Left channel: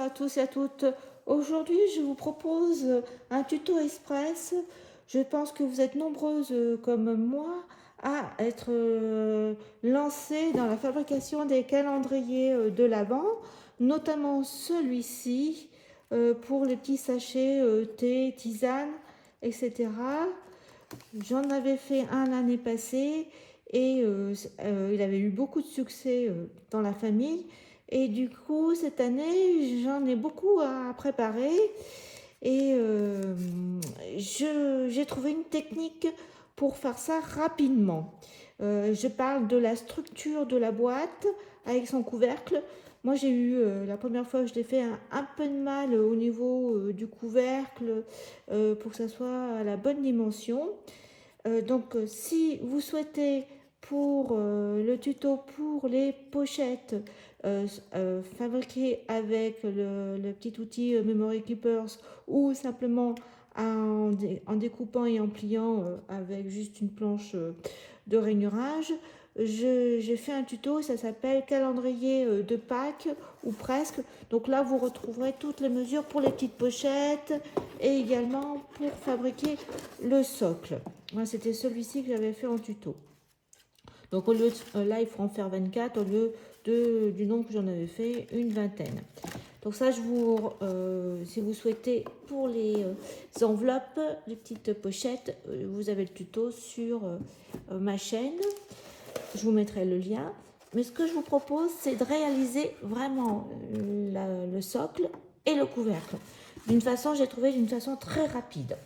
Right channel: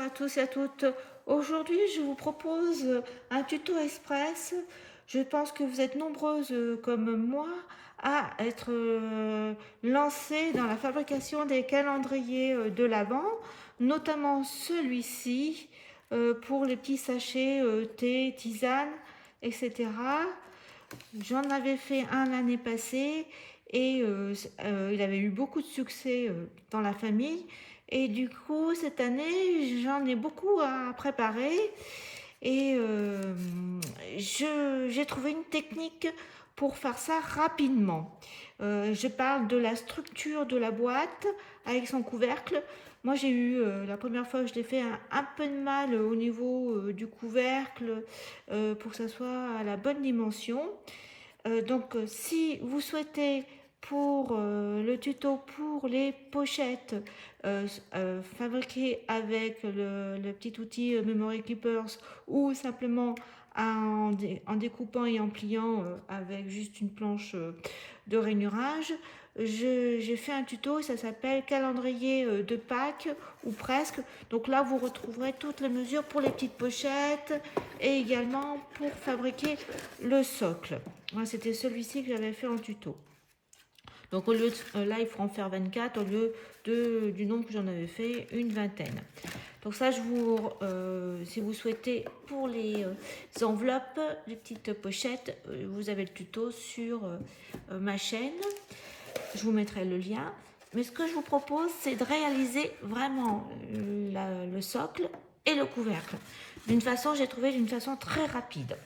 bonjour à tous et à toutes. Aujourd'hui, je vous propose un tuto express. Je pense que vous êtes nombreuses comme moi à être lancées dans la fabrication des calendriers de l'Avent, notamment celui-ci pour les petits sachets thé, tisane, etc. J'en avais fait un l'année passée et il avait eu beaucoup de succès dans la famille. Et du coup, cette année, j'en ai beaucoup à préparer et j'ai trouvé une technique pour faire ça rapidement. Je parle de la structure de la boîte avec son couvercle. Moi, j'ai eu, la première fois que je l'ai fait, un peu de mal au niveau du couvercle pour que ça soit à la bonne dimension. Donc, si vous souhaitez pour le tuto pour les pochettes fabriquées avec le petit outil Memory Keepers ou simplement en découpant et en pliant avec juste une planche de rainurage, j'ai fait un tuto, ça s'appelle calendrier de Pâques ou presque. Donc là, vous retrouverez toutes les mesures pour les petites pochettes et également pour fabriquer le socle. Moi, c'était celui-ci que j'avais fait en tuto. Donc au lieu de, là, il faut en faire 24 au lieu du nombre que j'en avais fait, une vingtaine. Donc ça, si vous souhaitez, pour les enveloppes, les petites pochettes, vous avez le tuto sur ma chaîne. Je vous mettrai le lien. Mais ce que je vous propose, c'est de réaliser vraiment le socle et le couvercle. J'ai trouvé d'une façon très rapide.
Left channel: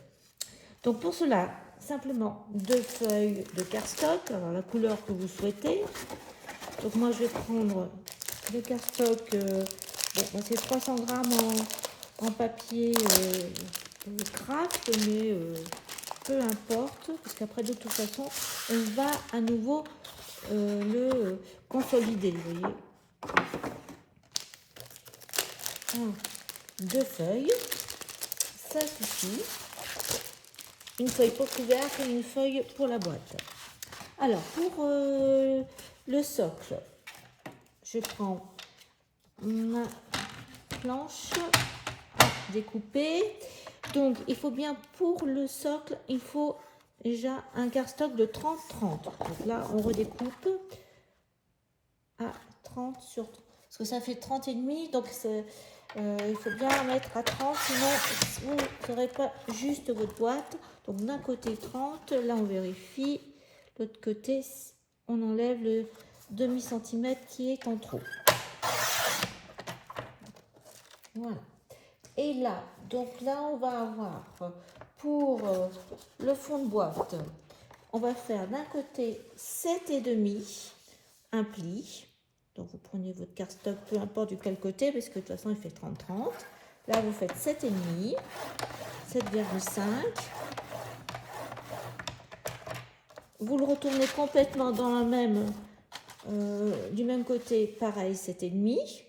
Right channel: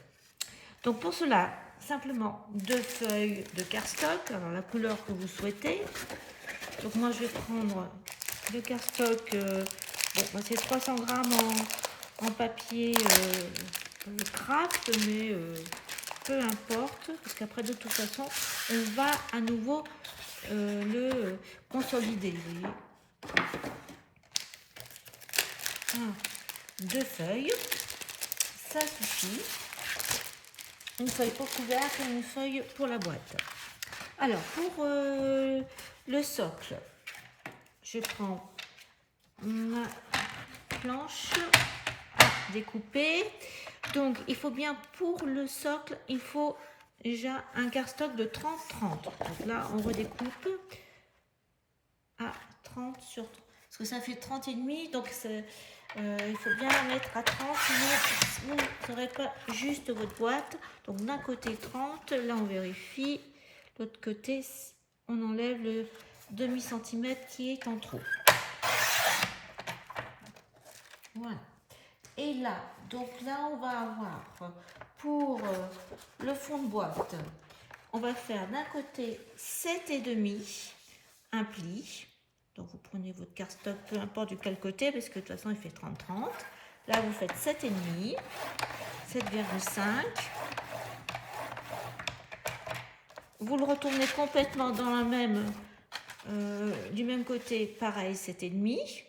Donc pour cela, simplement 2 feuilles de cardstock, alors la couleur que vous souhaitez. Donc moi je vais prendre le cardstock, c'est 300 grammes en papier craft, mais peu importe, parce qu'après de toute façon, on va à nouveau le consolider, vous voyez. 2 feuilles, ça suffit. Une feuille pour couvercle et une feuille pour la boîte. Alors, pour le socle, je prends ma planche à découper. Donc, il faut bien, pour le socle, il faut déjà un cardstock de 30-30. Donc là, on redécoupe à 30 sur 30. Parce que ça fait 30 et demi, donc il faut bien mettre à 30, sinon vous n'aurez pas juste votre boîte. Donc d'un côté 30, là on vérifie, l'autre côté on enlève le demi-centimètre qui est en trop. Voilà. Et là, donc là on va avoir pour le fond de boîte, on va faire d'un côté 7,5, un pli. Donc vous prenez votre cardstock, peu importe du quel côté, parce que de toute façon il fait 30-30. Là vous faites 7,5, 7,5. Vous le retournez complètement dans la même, du même côté, pareil 7,5.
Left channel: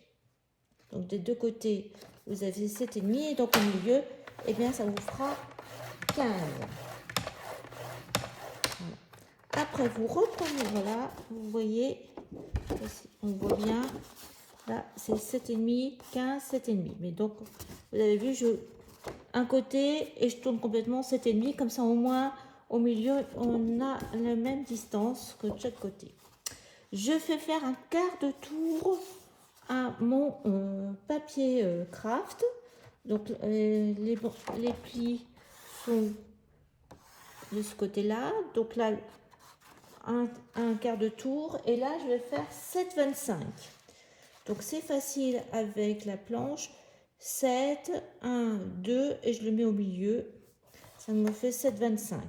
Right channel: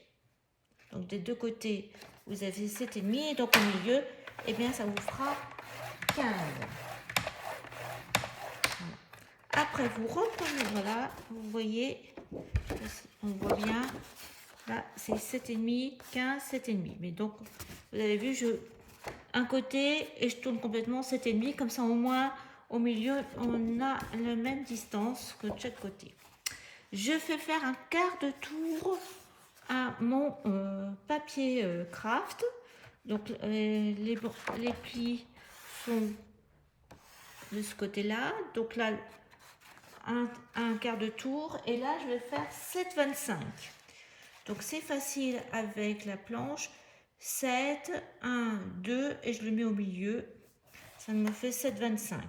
Donc des deux côtés vous avez 7,5 et donc au milieu, eh bien ça vous fera 15. Voilà. Après vous reprenez, voilà, vous voyez, on voit bien. Là, c'est 7,5, 15, 7,5. Mais donc, vous avez vu, un côté et je tourne complètement 7,5. Comme ça, au moins, au milieu, on a la même distance que de chaque côté. Je fais faire un quart de tour à mon papier craft. Donc, les plis sont de ce côté-là. Donc là, un quart de tour. Et là, je vais faire 7,25. Donc c'est facile avec la planche. 7, 1, 2 et je le mets au milieu. Ça me fait 7,25.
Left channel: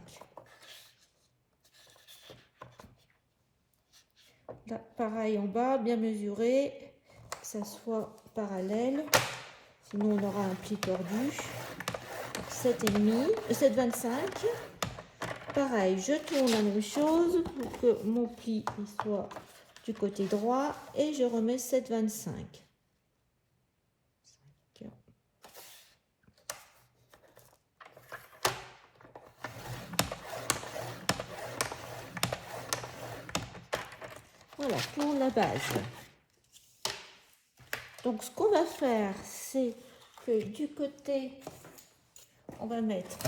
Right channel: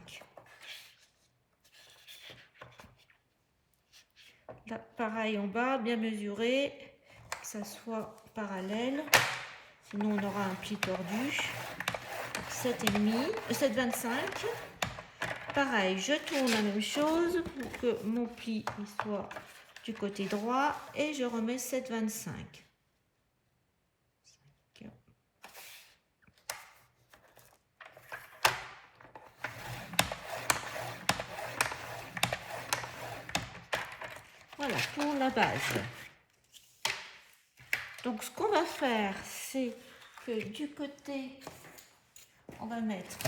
Là, pareil en bas, bien mesuré, que ça soit parallèle. Sinon on aura un pli tordu. 7,5, 7,25. Pareil, je tourne la même chose pour que mon pli soit du côté droit et je remets 7,25. Voilà pour la base. Donc ce qu'on va faire, c'est que du côté, on va mettre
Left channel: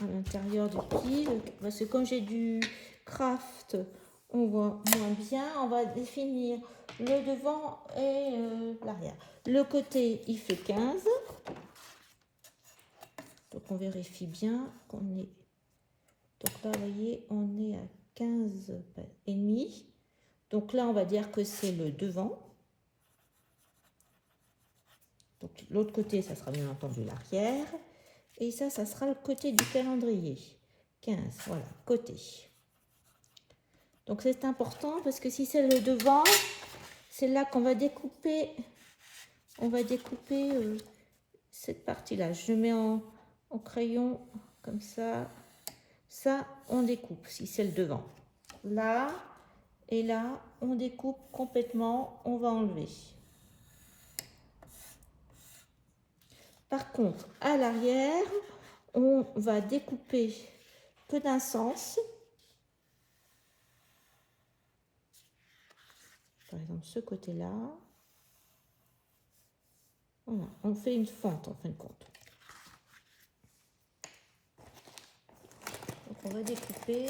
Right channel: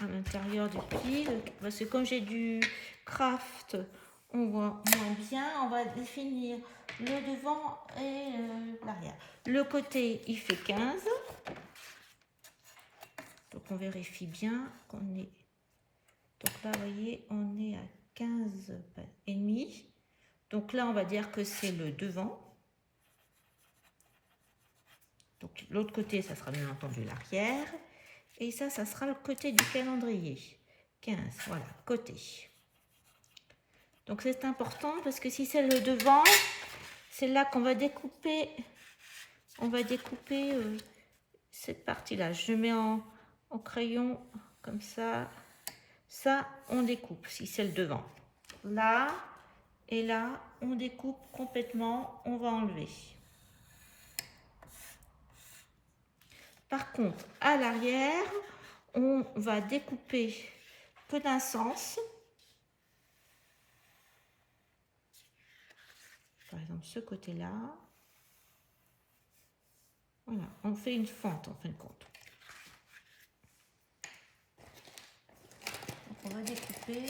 à l'intérieur du pli, parce que comme j'ai du craft, on voit moins bien. On va définir le devant et l'arrière. Le côté, il fait 15. Donc on vérifie bien qu'on est... Donc là, vous voyez, on est à 15 et demi. Donc là, on va dire que c'est le devant. Donc l'autre côté, ça sera bien entendu l'arrière. Et ça sera le côté du calendrier. 15, voilà, côté. Donc c'est important parce que si c'est le devant, c'est là qu'on va découper. On va découper cette partie-là. Je mets en crayon comme ça. Ça, on découpe si c'est le devant. Là et là, on découpe complètement. On va enlever. Par contre, à l'arrière, on va découper que d'un sens. Par exemple, ce côté-là. Voilà, on fait une fente en fin de compte. Donc, on va découper.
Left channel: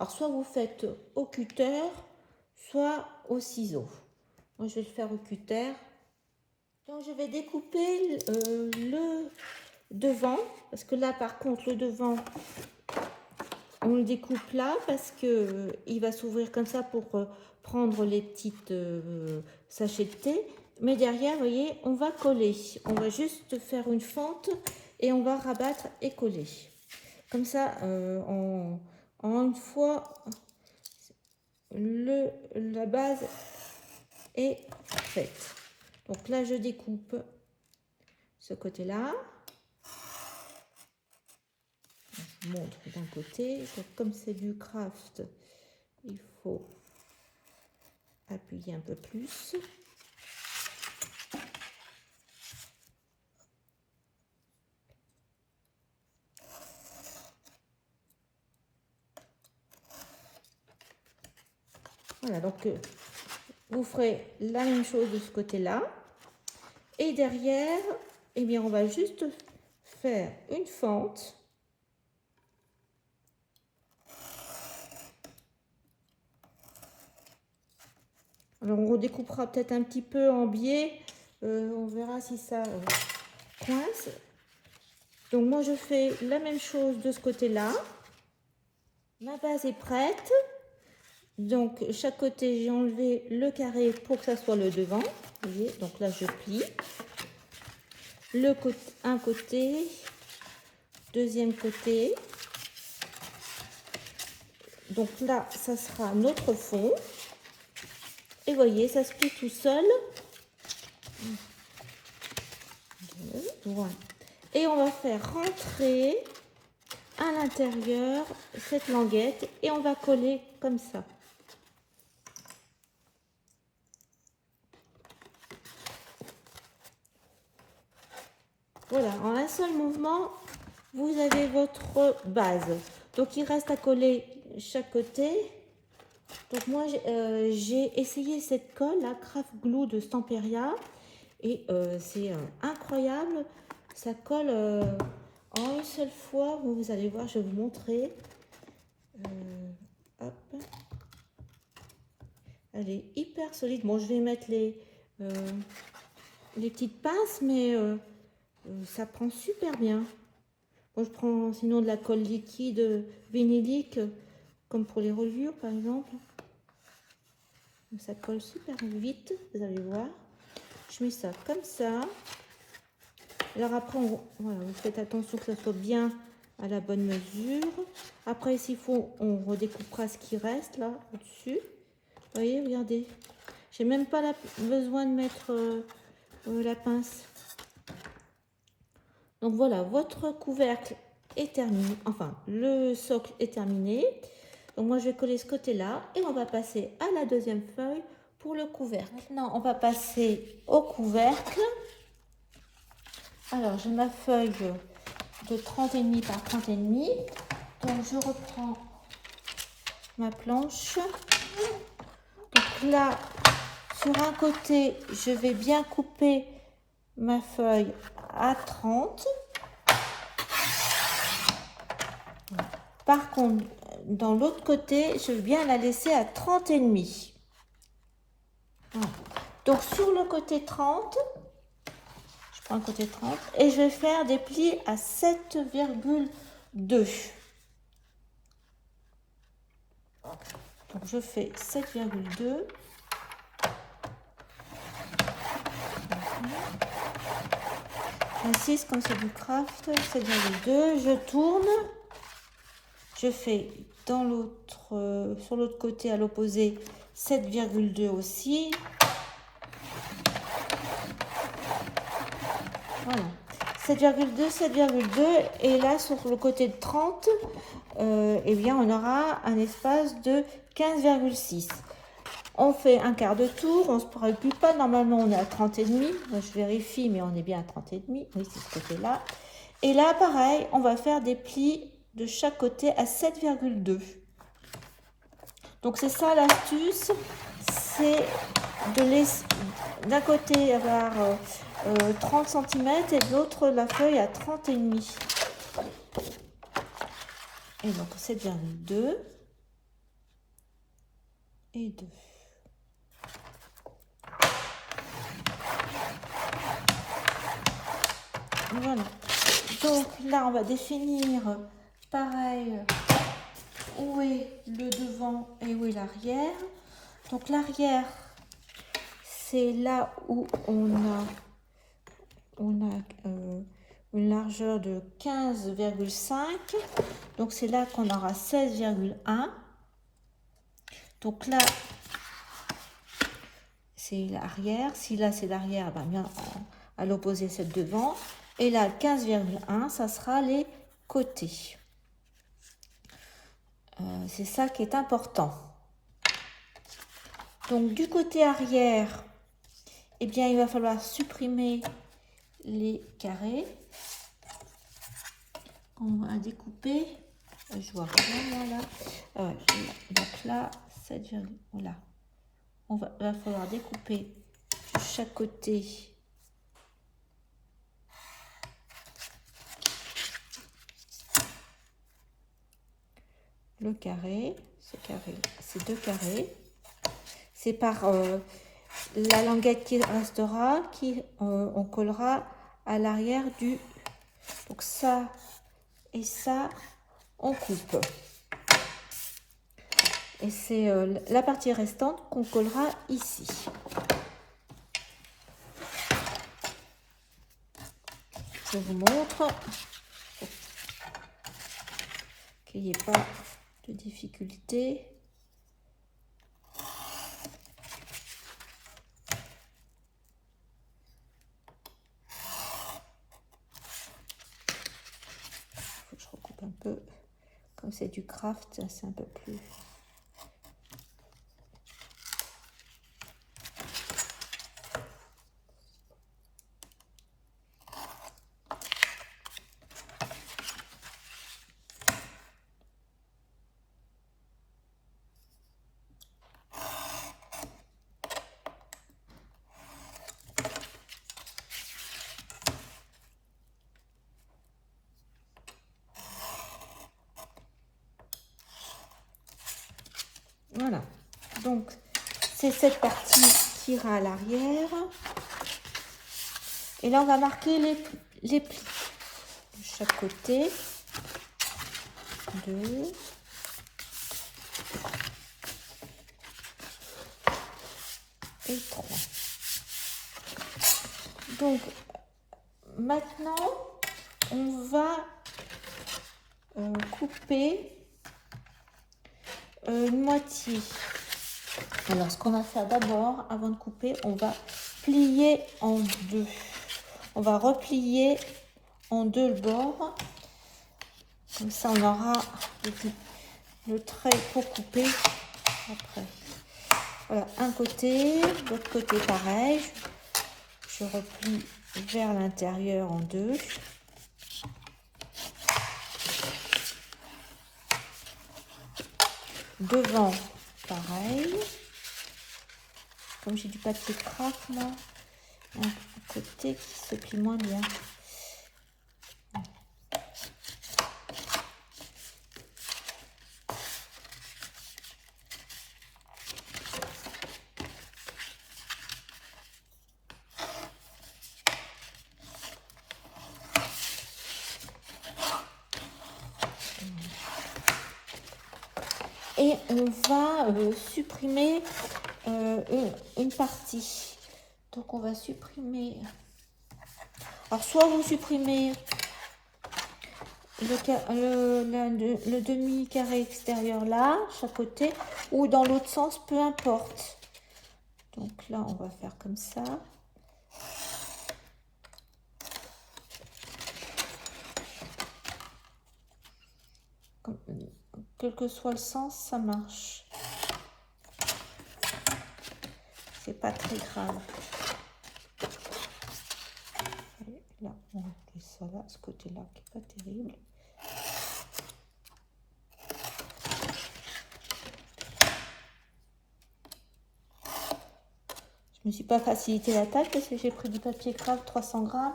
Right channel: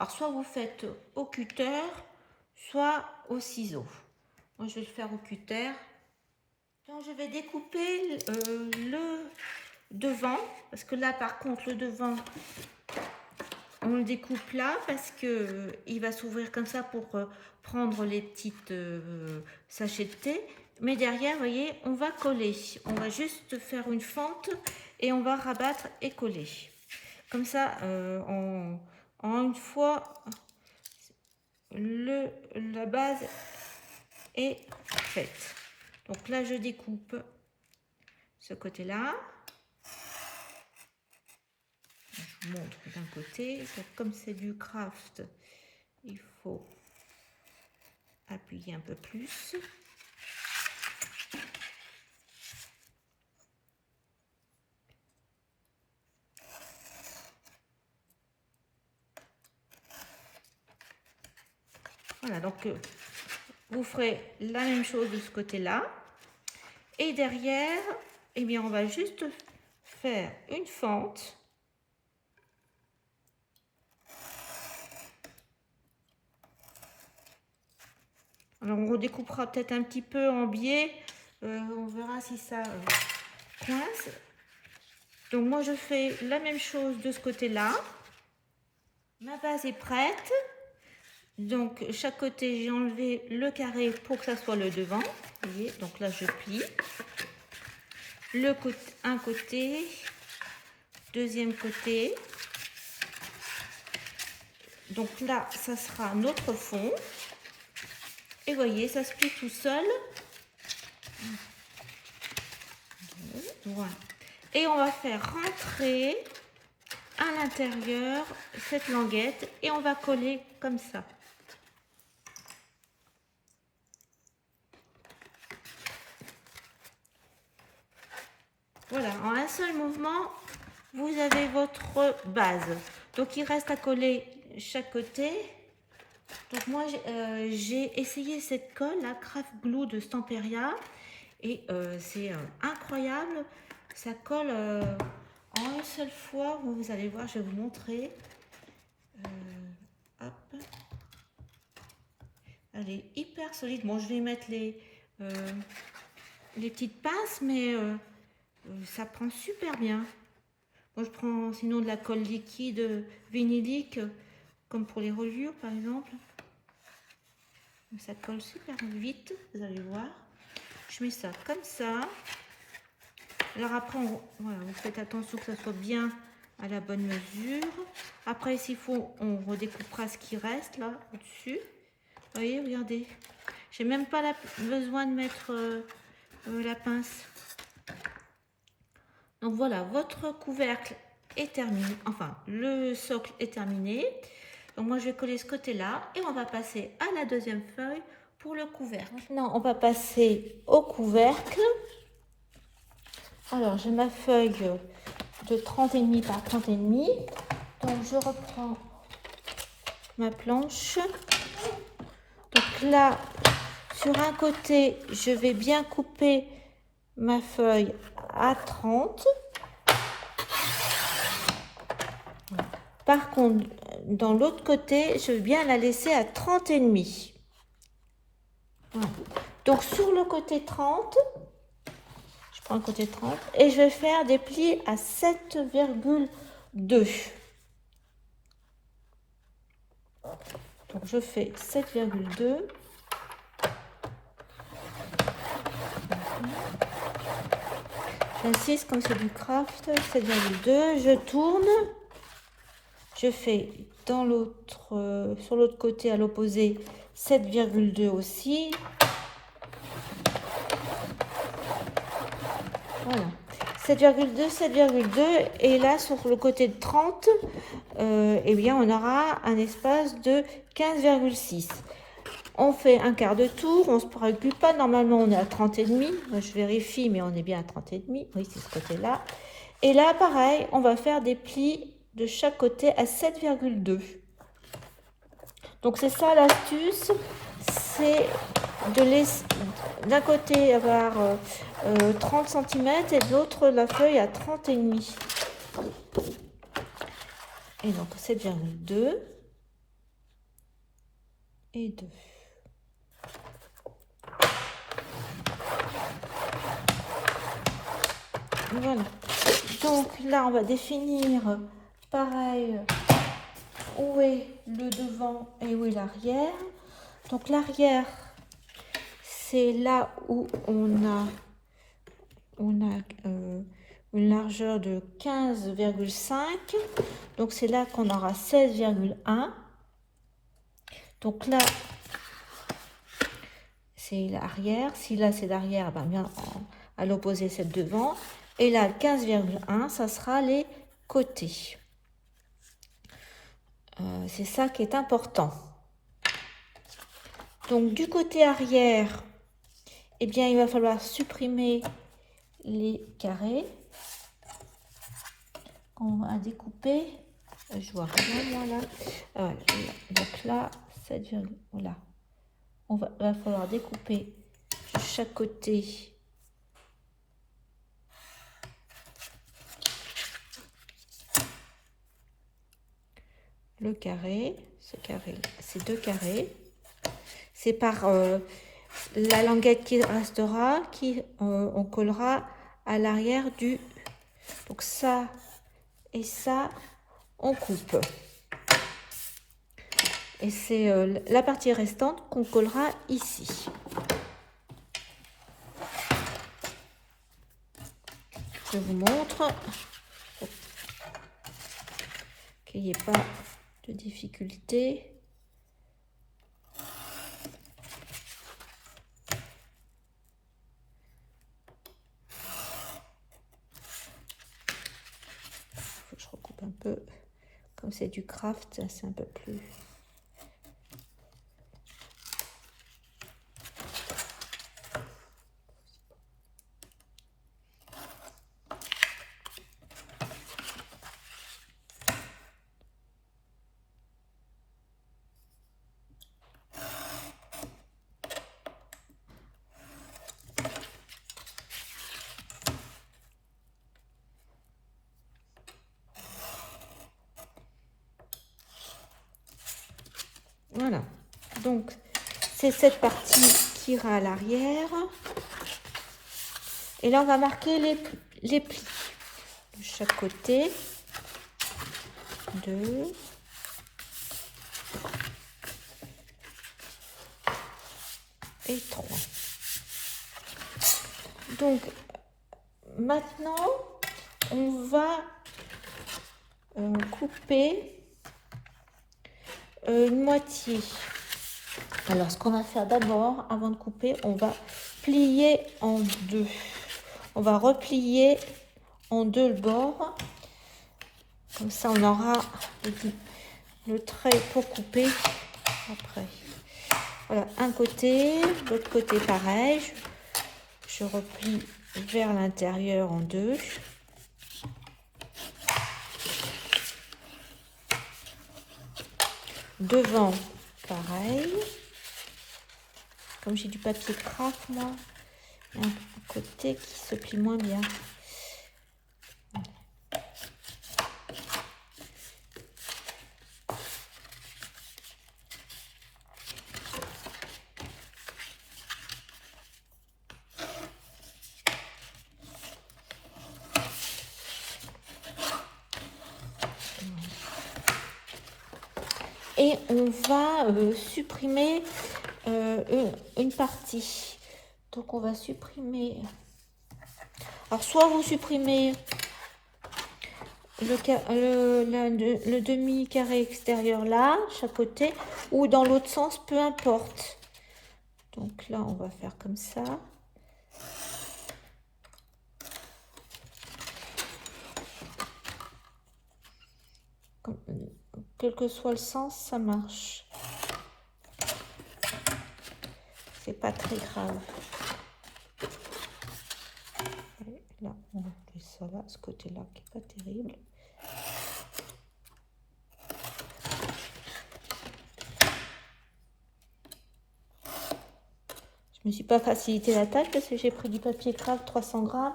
Alors, soit vous faites au cutter, soit au ciseau. Moi, je vais le faire au cutter. Donc, je vais découper le devant. Parce que là, par contre, le devant, on le découpe là parce que il va s'ouvrir comme ça pour prendre les petites sachets de thé. Mais derrière, vous voyez, on va coller. On va juste faire une fente et on va rabattre et coller. Comme ça, en une fois, la base est faite. Donc là, je découpe ce côté-là. Je vous montre d'un côté. Donc, comme c'est du craft, il faut appuyer un peu plus. Voilà, donc vous ferez la même chose de ce côté-là. Et derrière, eh bien, on va juste faire une fente. Alors, on redécoupera peut-être un petit peu en biais. On verra si ça coince. Donc, moi, je fais la même chose de ce côté-là. Ma base est prête. Donc, chaque côté, j'ai enlevé le carré pour que ça soit le devant. Vous voyez, donc là, je plie. Un côté, deuxième côté. Donc là, ça sera notre fond. Et vous voyez, ça se plie tout seul. Voilà. Et on va faire rentrer à l'intérieur cette languette et on va coller comme ça. Voilà, en un seul mouvement, vous avez votre base. Donc, il reste à coller chaque côté. Donc, moi, j'ai essayé cette colle, la Craft Glue de Stamperia. Et c'est incroyable. Ça colle en une seule fois. Vous allez voir, je vais vous montrer. Hop. Elle est hyper solide. Bon, je vais mettre les petites pinces, mais ça prend super bien. Moi, je prends sinon de la colle liquide vinylique, comme pour les reliures, par exemple. Ça colle super vite, vous allez voir. Je mets ça comme ça. Alors après, voilà, vous faites attention que ça soit bien à la bonne mesure. Après, s'il faut, on redécoupera ce qui reste là, au-dessus. Vous voyez, regardez. J'ai même pas besoin de mettre la pince. Donc voilà, votre couvercle est terminé. Enfin, le socle est terminé. Donc moi, je vais coller ce côté-là et on va passer à la deuxième feuille pour le couvercle. Maintenant, on va passer au couvercle. Alors, j'ai ma feuille de 30,5 par 30,5. Donc, je reprends ma planche. Donc là, sur un côté, je vais bien couper ma feuille à 30. Par contre, dans l'autre côté, je vais bien la laisser à 30 et demi. Donc sur le côté 30, je prends le côté 30 et je vais faire des plis à 7,2. Donc je fais 7,2. J'insiste comme c'est du craft, 7,2. Je tourne. Je fais dans l'autre, sur l'autre côté à l'opposé 7,2 aussi. Voilà. 7,2, 7,2 et là sur le côté de 30, eh bien on aura un espace de 15,6. On fait un quart de tour, on ne se préoccupe pas, normalement on est à 30 et demi, je vérifie mais on est bien à 30 et demi, oui c'est ce côté là. Et là pareil, on va faire des plis de chaque côté à 7,2. Donc c'est ça l'astuce, c'est de laisser d'un côté avoir 30 cm et de l'autre la feuille à 30 et demi. Et donc 7,2 et 2. Voilà. Donc là on va définir pareil où est le devant et où est l'arrière. Donc l'arrière, c'est là où on a une largeur de 15,5. Donc c'est là qu'on aura 16,1. Donc là, c'est l'arrière. Si là c'est l'arrière, ben bien à l'opposé c'est le devant. Et là 15,1, ça sera les côtés. C'est ça qui est important. Donc du côté arrière, eh bien il va falloir supprimer les carrés. On va découper. Je vois rien là. Donc là, voilà. Va falloir découper de chaque côté. Le carré, c'est 2 carrés. C'est par la languette qui restera, on collera à l'arrière du. Donc ça et ça, on coupe. Et c'est la partie restante qu'on collera ici. Je vous montre qu'il n'y ait pas de difficulté. Je recoupe un peu. Comme c'est du craft, c'est un peu plus. Voilà, donc c'est cette partie qui ira à l'arrière. Et là, on va marquer les plis de chaque côté. 2. Et 3. Donc, maintenant, on va couper une moitié. Alors, ce qu'on va faire d'abord, avant de couper, on va plier en deux. On va replier en deux le bord. Comme ça, on aura le trait pour couper après. Voilà, un côté, l'autre côté pareil. Je replie vers l'intérieur en deux. devant, pareil. Comme j'ai du papier craft là, un côté qui se plie moins bien. Et on va supprimer une partie. Donc on va supprimer. Alors soit vous supprimez le demi-carré extérieur là, chaque côté, ou dans l'autre sens, peu importe. Donc là on va faire comme ça. Quel que soit le sens, ça marche. C'est pas très grave. Et là, on va faire ça là, ce côté-là qui est pas terrible. Je me suis pas facilité la tâche parce que j'ai pris du papier craft 300 grammes.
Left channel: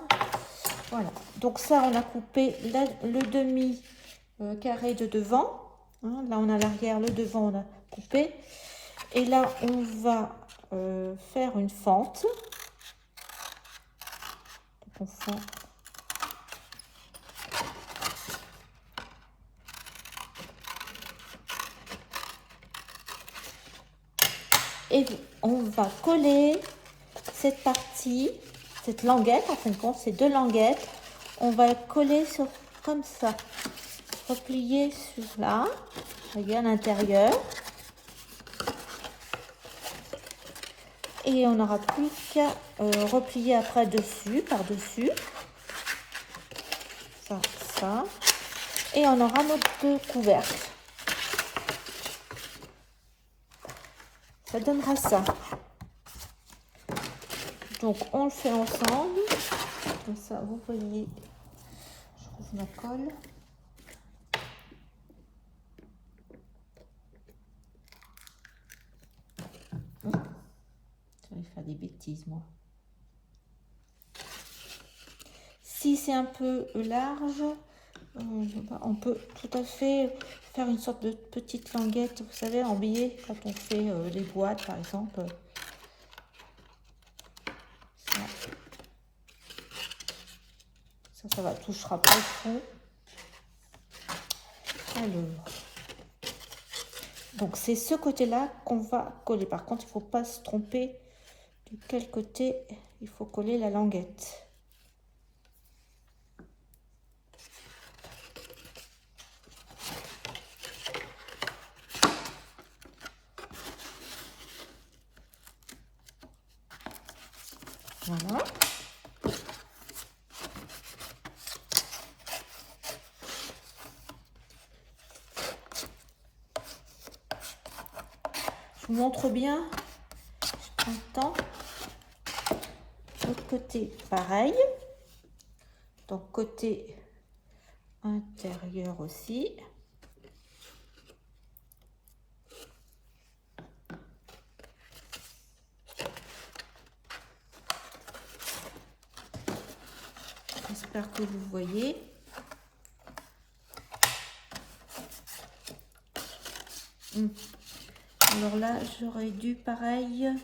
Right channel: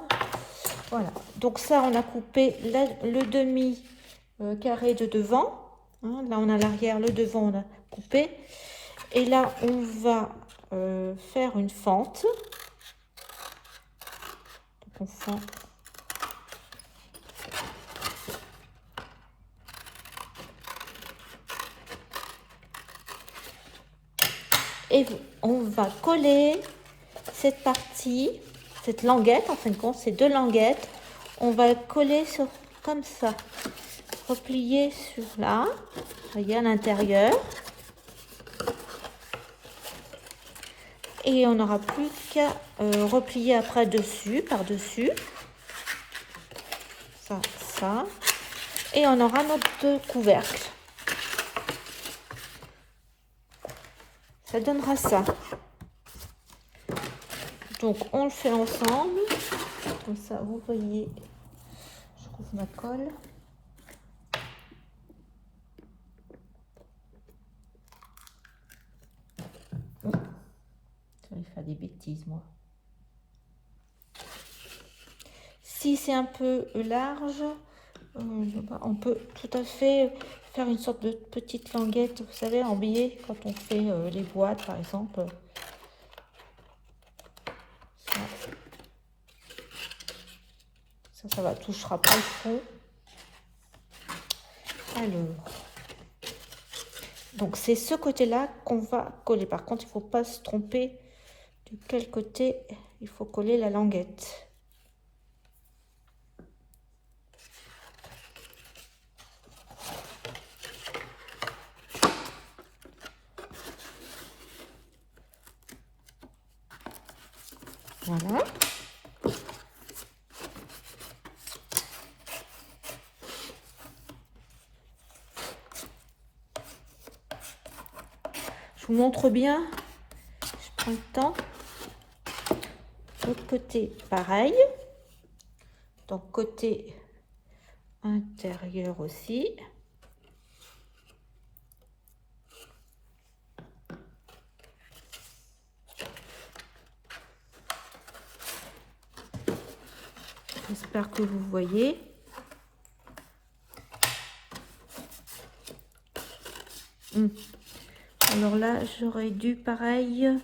Voilà. Donc ça, on a coupé le demi carré de devant. Hein, là, on a l'arrière, le devant, on a coupé. Et là, on va faire une fente. Donc, on fend. Et on va coller cette partie, cette languette, en fin de compte, ces deux languettes. On va coller sur comme ça. Replier sur là, regarde l'intérieur. Et on n'aura plus qu'à replier après dessus, par-dessus. Ça, ça. Et on aura notre couvercle. Ça donnera ça. Donc on le fait ensemble. Comme ça, vous voyez, je trouve ma colle. Faire des bêtises moi. Si c'est un peu large, on peut tout à fait faire une sorte de petite languette, vous savez, en billet quand on fait les boîtes par exemple. Ça va, touchera pas le fond. Alors, donc c'est ce côté-là qu'on va coller. Par contre, il ne faut pas se tromper de quel côté il faut coller la languette. Voilà. Je vous montre bien. Je prends le temps. L'autre côté, pareil. Donc, côté intérieur aussi. J'espère que vous voyez. Alors là, j'aurais dû, pareil,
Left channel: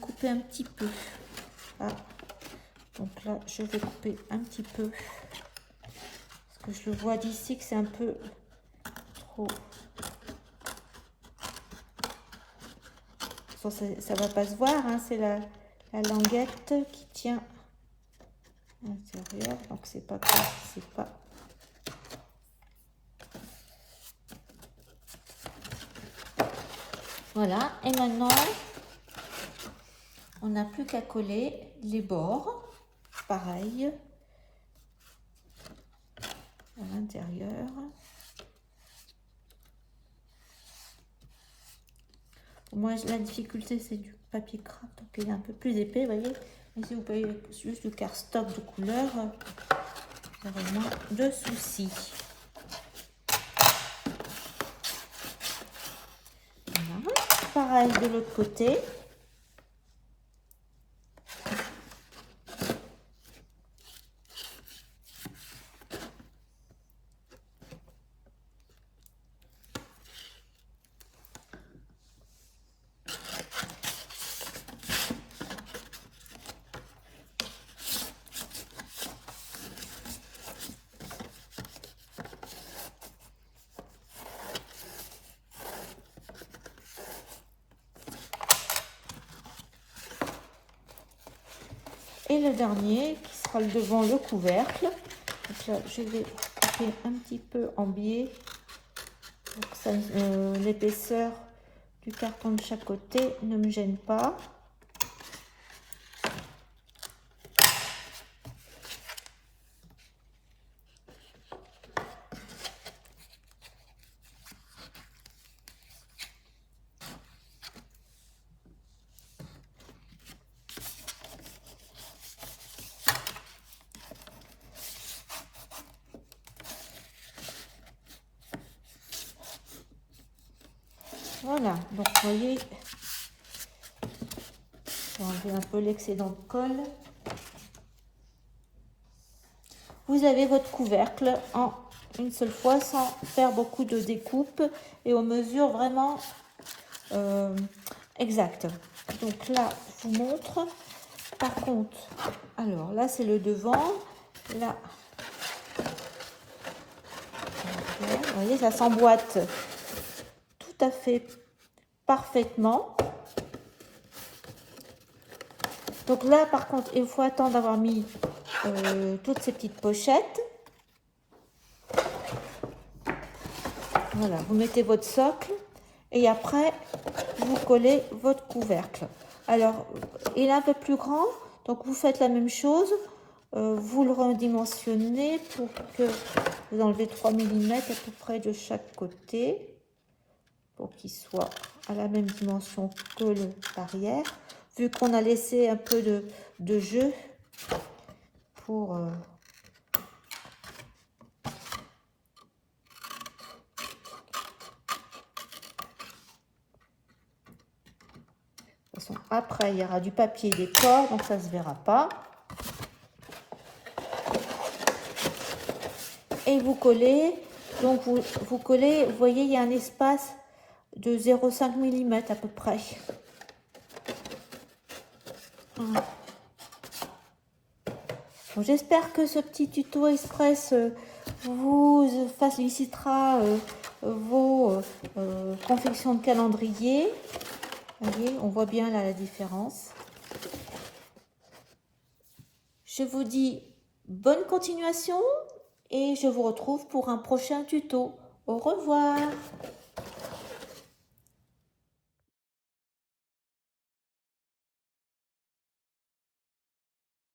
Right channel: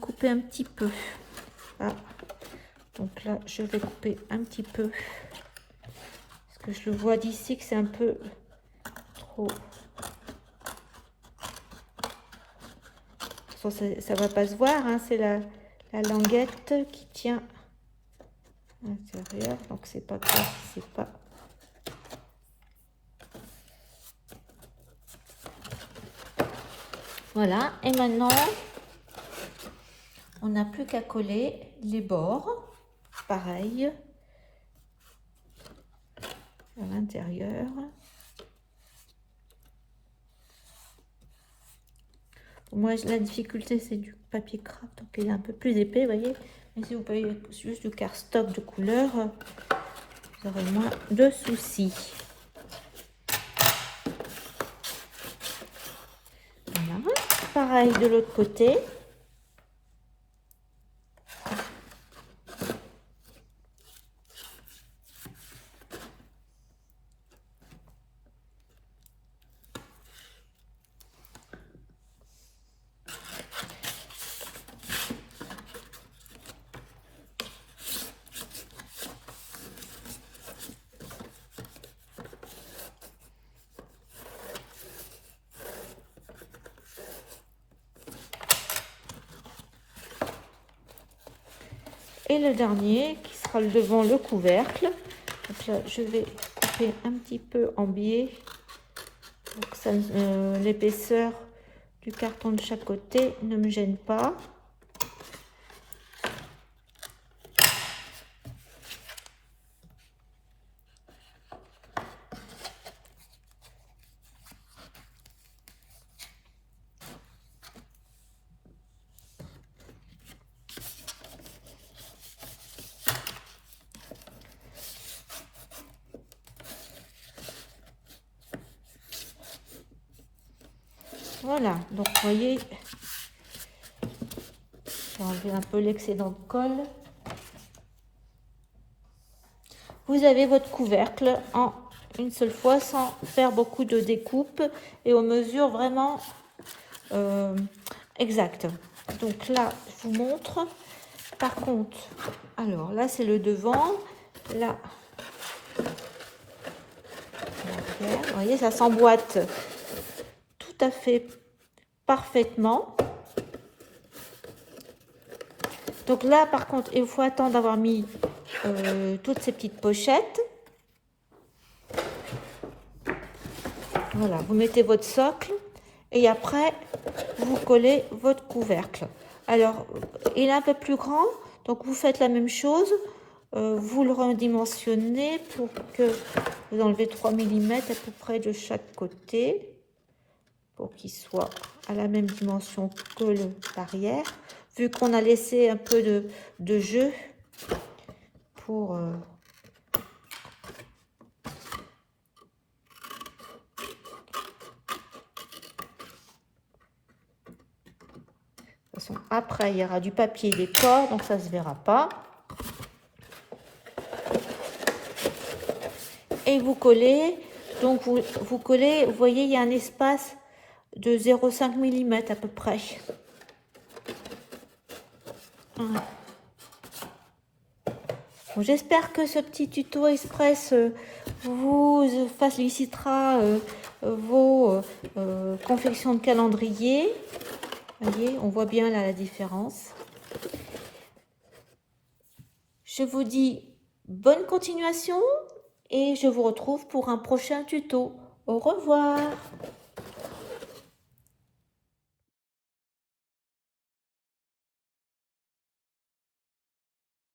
couper un petit peu. Là. Donc là, je vais couper un petit peu. Parce que je le vois d'ici que c'est un peu trop. Ça va pas se voir, hein, c'est la languette qui tient à l'intérieur. Donc c'est pas comme c'est pas. Voilà, et maintenant, on n'a plus qu'à coller les bords, pareil, à l'intérieur. Moi, la difficulté, c'est du papier craft, donc il est un peu plus épais, vous voyez. Mais si vous payez juste du cardstock de couleur, vous n'aurez moins de soucis. pareil de l'autre côté. Et le dernier qui sera devant le couvercle. Donc là, je vais faire un petit peu en biais. L'épaisseur du carton de chaque côté ne me gêne pas. Voilà, donc vous voyez, on va enlever un peu l'excédent de colle. Vous avez votre couvercle en une seule fois sans faire beaucoup de découpe et aux mesures vraiment exactes. Donc là, je vous montre. Par contre, alors là c'est le devant, là, vous voyez, ça s'emboîte tout à fait parfaitement. Donc là, par contre, il faut attendre d'avoir mis toutes ces petites pochettes. Voilà, vous mettez votre socle et après, vous collez votre couvercle. Alors, il est un peu plus grand, donc vous faites la même chose. Vous le redimensionnez pour que vous enlevez 3 mm à peu près de chaque côté pour qu'il soit à la même dimension que l'arrière. Vu qu'on a laissé un peu de jeu pour... Après, il y aura du papier décor, donc ça ne se verra pas. Et vous collez, donc vous collez, vous voyez, il y a un espace de 0,5 mm à peu près. J'espère que ce petit tuto express vous facilitera vos confections de calendrier. Vous voyez, on voit bien là la différence. Je vous dis bonne continuation et je vous retrouve pour un prochain tuto. Au revoir.